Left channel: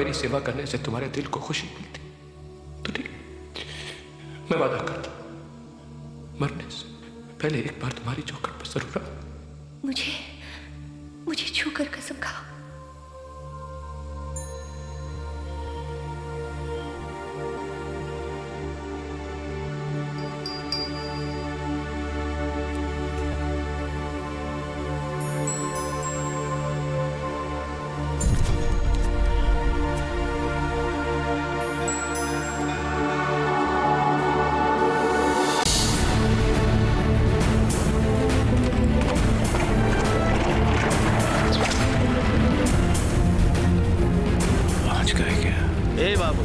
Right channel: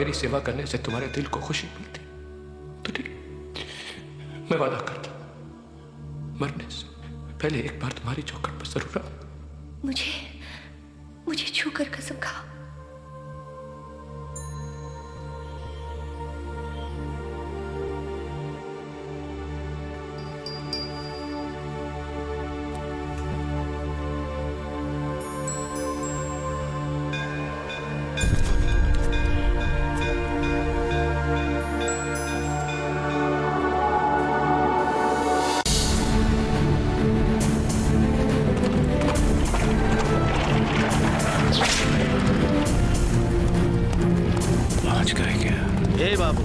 मेरी सेवा करने से तुम्हारे दिल को खुशी मिलती तो ठीक, मैं वादा करता मरने से पहले एक बार तुम्हारी चौखट पर जरूर आऊं। मुझे छूकर कसम खाओ। ए बाबू,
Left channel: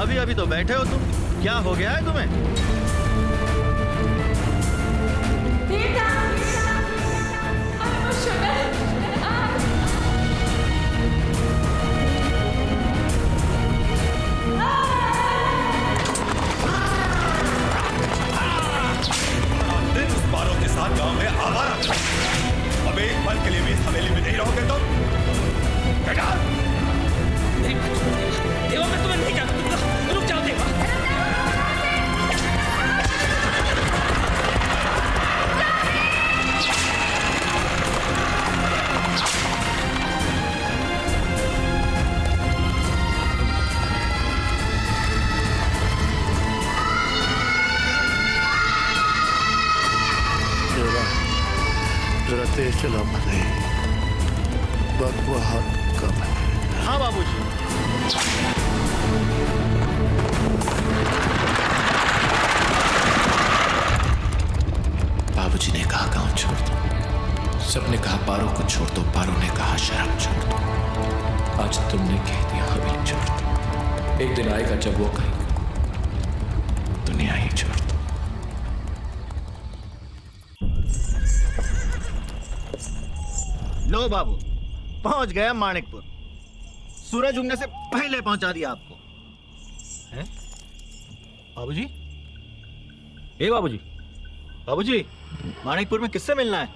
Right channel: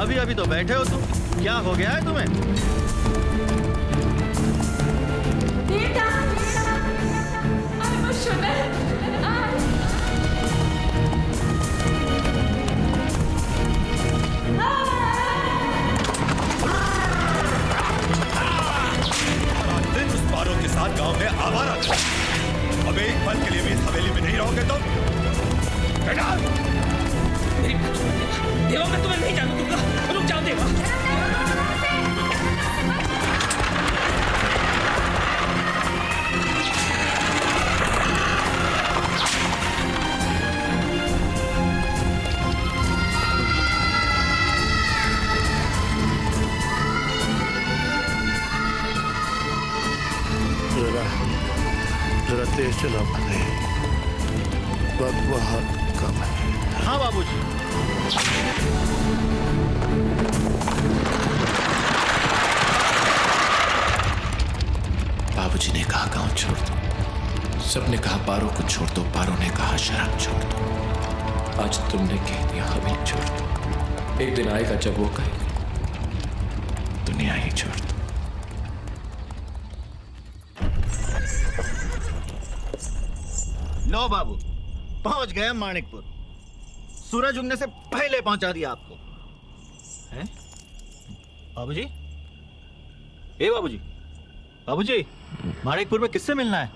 अभी अभी तो बैठे हो तुम, क्या हो गया है तुम्हें? बेटा, I'm emotional. दिन उस पारों के साथ गांव में आवारा थे। अब एक पल के लिए भी इस हवेली में नहीं रहोगे तुम? बेटा! मेरी बात सुनो देवा, देवा मैं तुम्हें नहीं जानू दूंगा, रुक जाओ देवा। जरा तेज चला बने, वक्त बहुत कम है। हाँ बाबूजी। बाबूजी ने कहा गांव छोड़ दो, सबने कहा पारो को छोड़ दो, पारो ने कहा शराब छोड़ दो। आज तुमने कह दिया हवेली छोड़ दो। एक दिन आएगा जब वो कहेगा दुनिया ही छोड़ दो। लो बाबू, पहुंच गए माणिकपुर। सूरज उगने से पहले पहुंचा दिया आपको। हैं? बाबूजी? ए बाबूजी, बाबूजी, माणिकपुर में किससे मिलना है?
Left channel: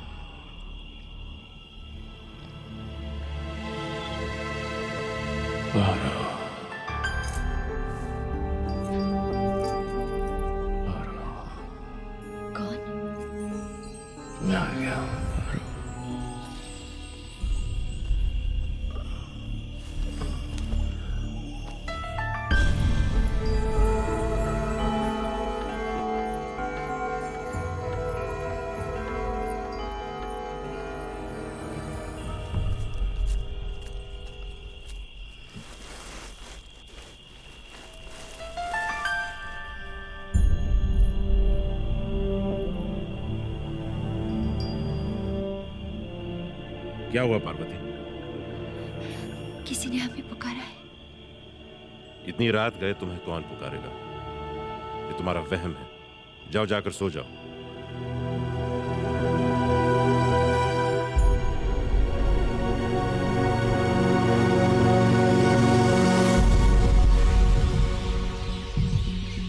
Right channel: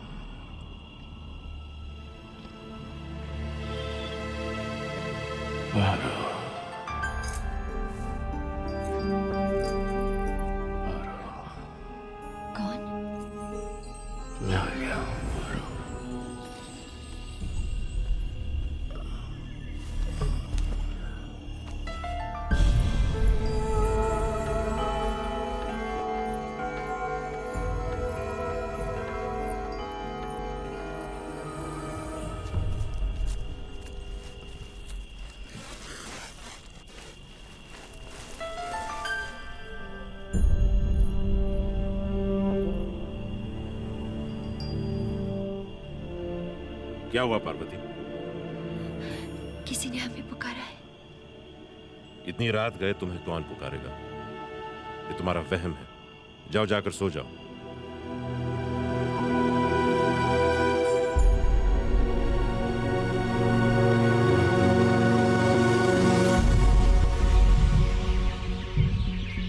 कौन? मैं आ गया। क्या हुआ पार्वती? किसी ने हमें पुकारा है। इतनी रात गए तुम्हें कौन पुकारेगा? ये तुम्हारा वहम है। जाओ, जाकर सो जाओ।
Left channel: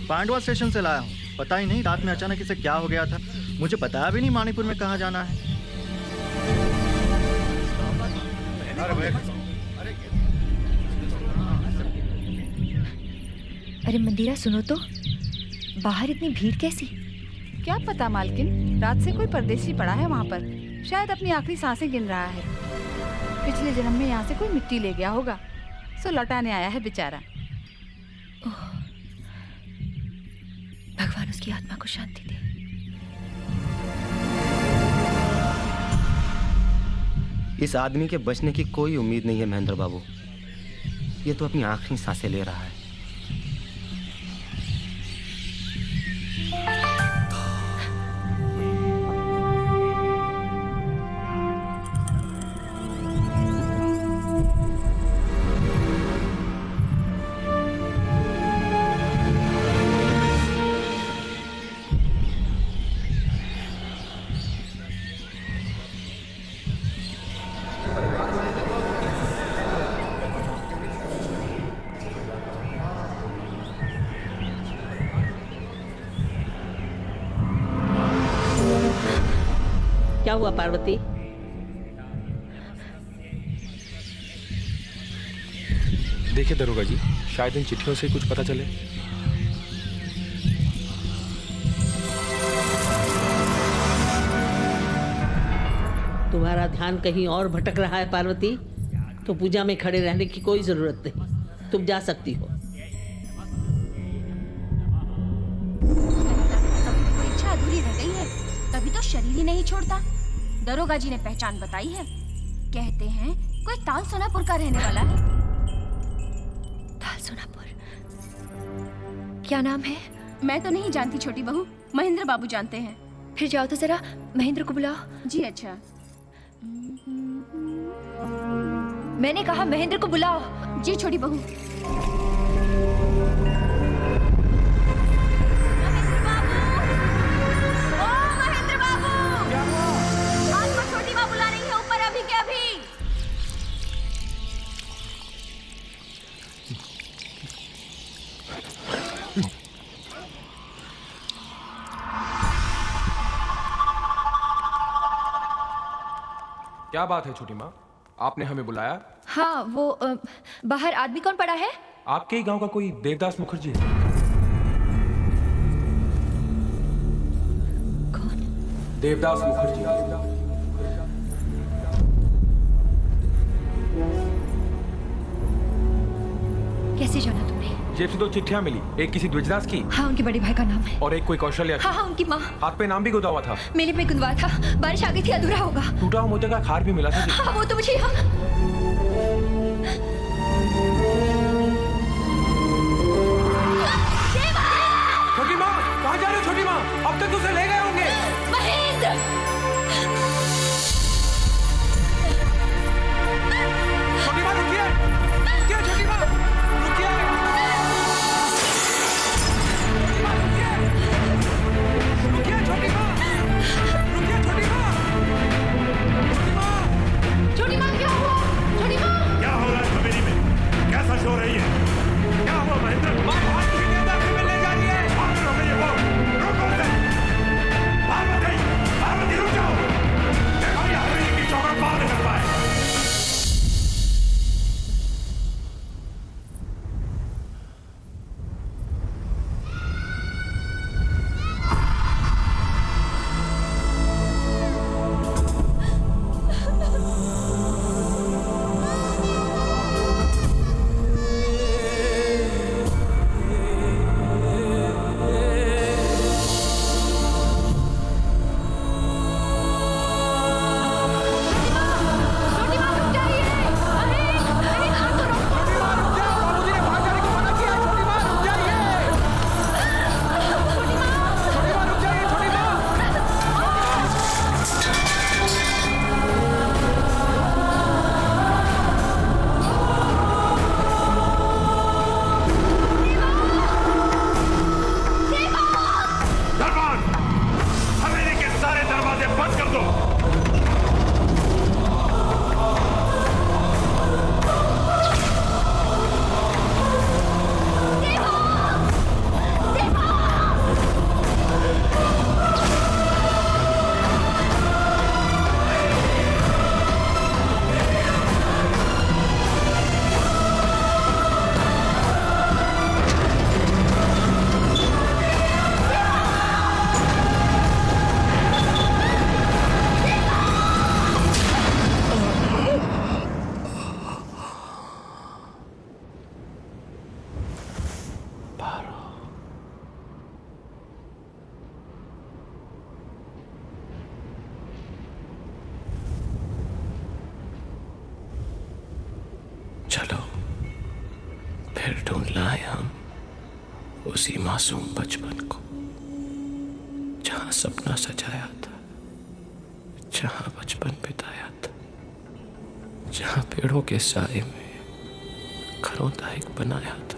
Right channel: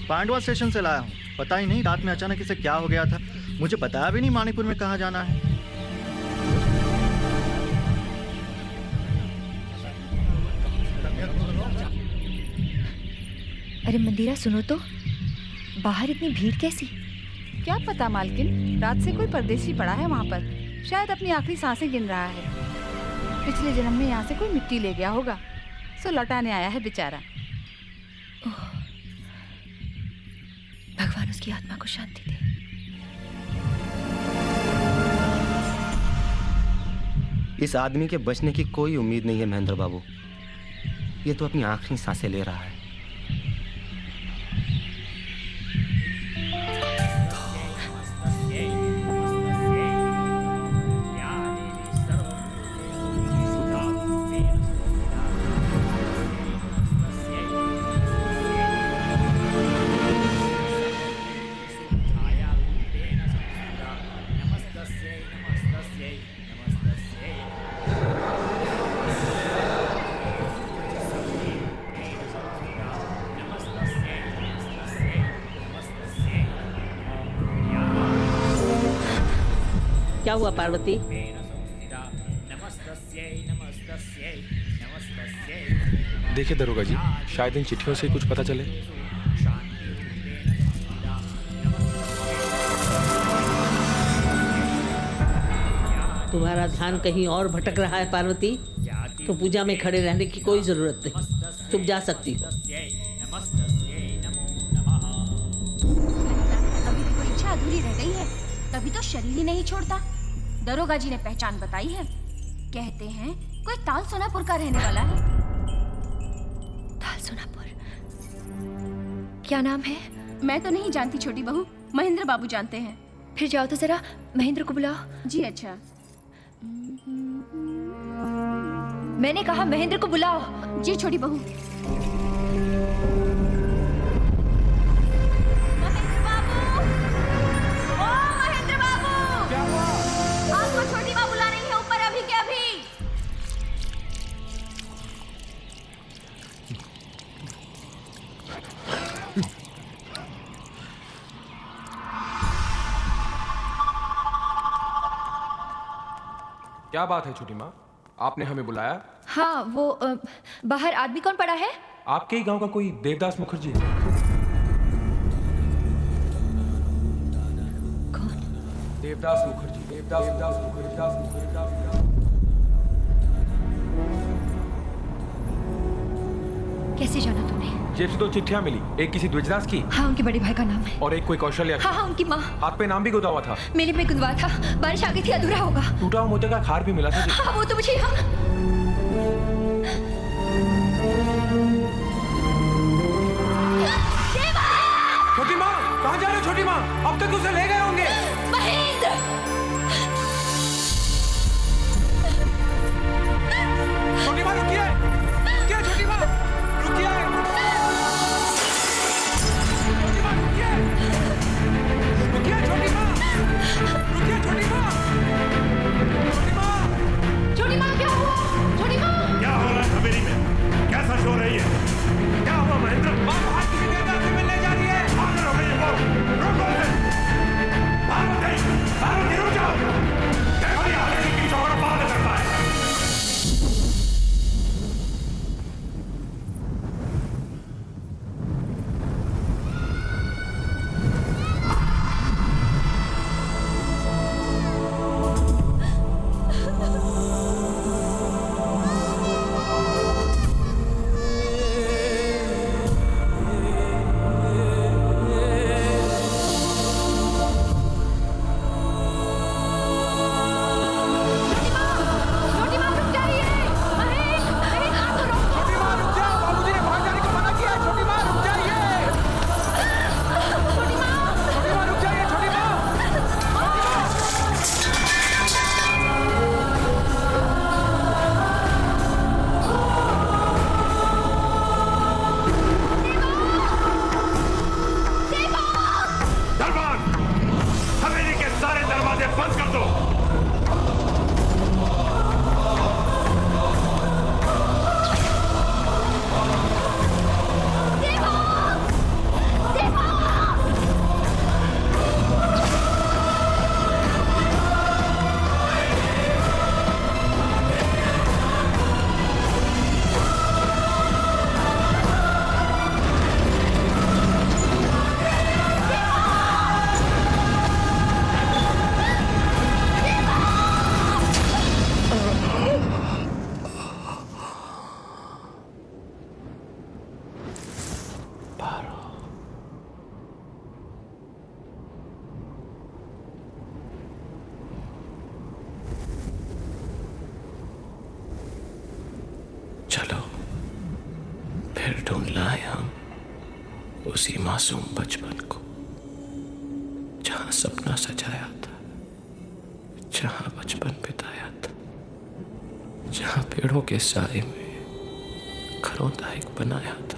पांडवा स्टेशन से लाया हूँ। पता ही नहीं रात में अचानक इसे क्या हो गया था। मुझे बताया भी नहीं माणिकपुर में कहाँ जाना है। अरे मंदिरा, सुनो तो, बाहर इतनी भीड़ कैसी? क्या पता मालकिन, रात से कोई परदेसी पड़ा है वहाँ पर, शायद अपनी आखिरी सांसें गिन रहा है। पिछले जन्म में यहाँ से कोई मिट्टी ले गया होगा, सो लौटाने आया है बेचारा। भगवान उसकी आत्मा को शांति दे। इस आदमी के बचने की कोई उम्मीद नहीं है महेंद्र बाबू। ये तो अपनी आखिरी सांसें ले रहा है। क्या हुआ पार्वती? देखिए दरोगा जी, शायद इन चिट्ठियों से कुछ पता चले। तुम्हारा ध्यान कहीं और भटक रहा है पार्वती, तो पूजा में खड़े रहने की कोई जरूरत नहीं, तुम जा सकती हो। अभी भी कोई इच्छा अधूरी रह गई है, तभी तो शरीर ही नहीं छोड़ता। दरोगा जी ने पहचान बताई है, कहते हैं कोई ताल सोनापुर का रहने वाला है। ताल सोनापुर? क्या नाम है? मैं तो नहीं जानती छोटी बहू, महेंद्र बाबू जानते हैं। फिर जाओ तो जरा महेंद्र को बुलाओ। जी अच्छा। मैंने कहा महेंद्र को बुलाओ। जी छोटी बहू। महेंद्र बाबू, ओ महेंद्र बाबू, क्या हुआ? आपको छोटी माँ बुला रही है ऊपर अभी के अभी। क्या बात है छोटी माँ, आपने हमें बुलाया? हाँ वो बाहर आदमी कौन पड़ा है? आपके ही गांव का कोई देवदास मुखर्जी है। कौन? देवदास मुखर्जी। कैसे जाना तुमने? जेब से 2 चिट्ठियां मिली, एक किसी द्विजदास की हाँ उनके बड़े भाई का नाम है। और एक कोई कौशल्या की। हाँ हाँ उनकी माँ। हाथ पे नाम भी गुदा हुआ था। मेले में गुंदवा था, बारिश आ गई थी, अधूरा होगा। टूटा हुआ मोती का खार भी मिला था जी। हाँ वो तो मुझे यहाँ। छोटी माँ कहाँ जा रहे हो छोटी माँ? अब तक उसे ले गए होंगे। महेंद्र! छोटी माँ रुकिए, रुकिए छोटी माँ, रुकिए। छोटी माँ रुकिए, रुकिए छोटी माँ, रुकिए छोटी माँ, छोटी माँ। छोटी माँ क्या हुआ? छोटी माँ! क्या हो रहा है हवेली में? कैसा शोर है ये? क्या हुआ महेंद्र? माँ बाहर किसी देवदास से मिलने जा रही है। पागल हो गई है वो। रुको उसे। पार्वती, पार्वती रुक जाओ। देखो ये हवेली की चौखट पार न कर पाए। चलो फिर ढूंढ लाए हम उसी मासूम बचपन को, जहां सपना सजाया था, जहां बचपन बिताया था, जहां पेड़ों के साए में घरों दायक बनाया था।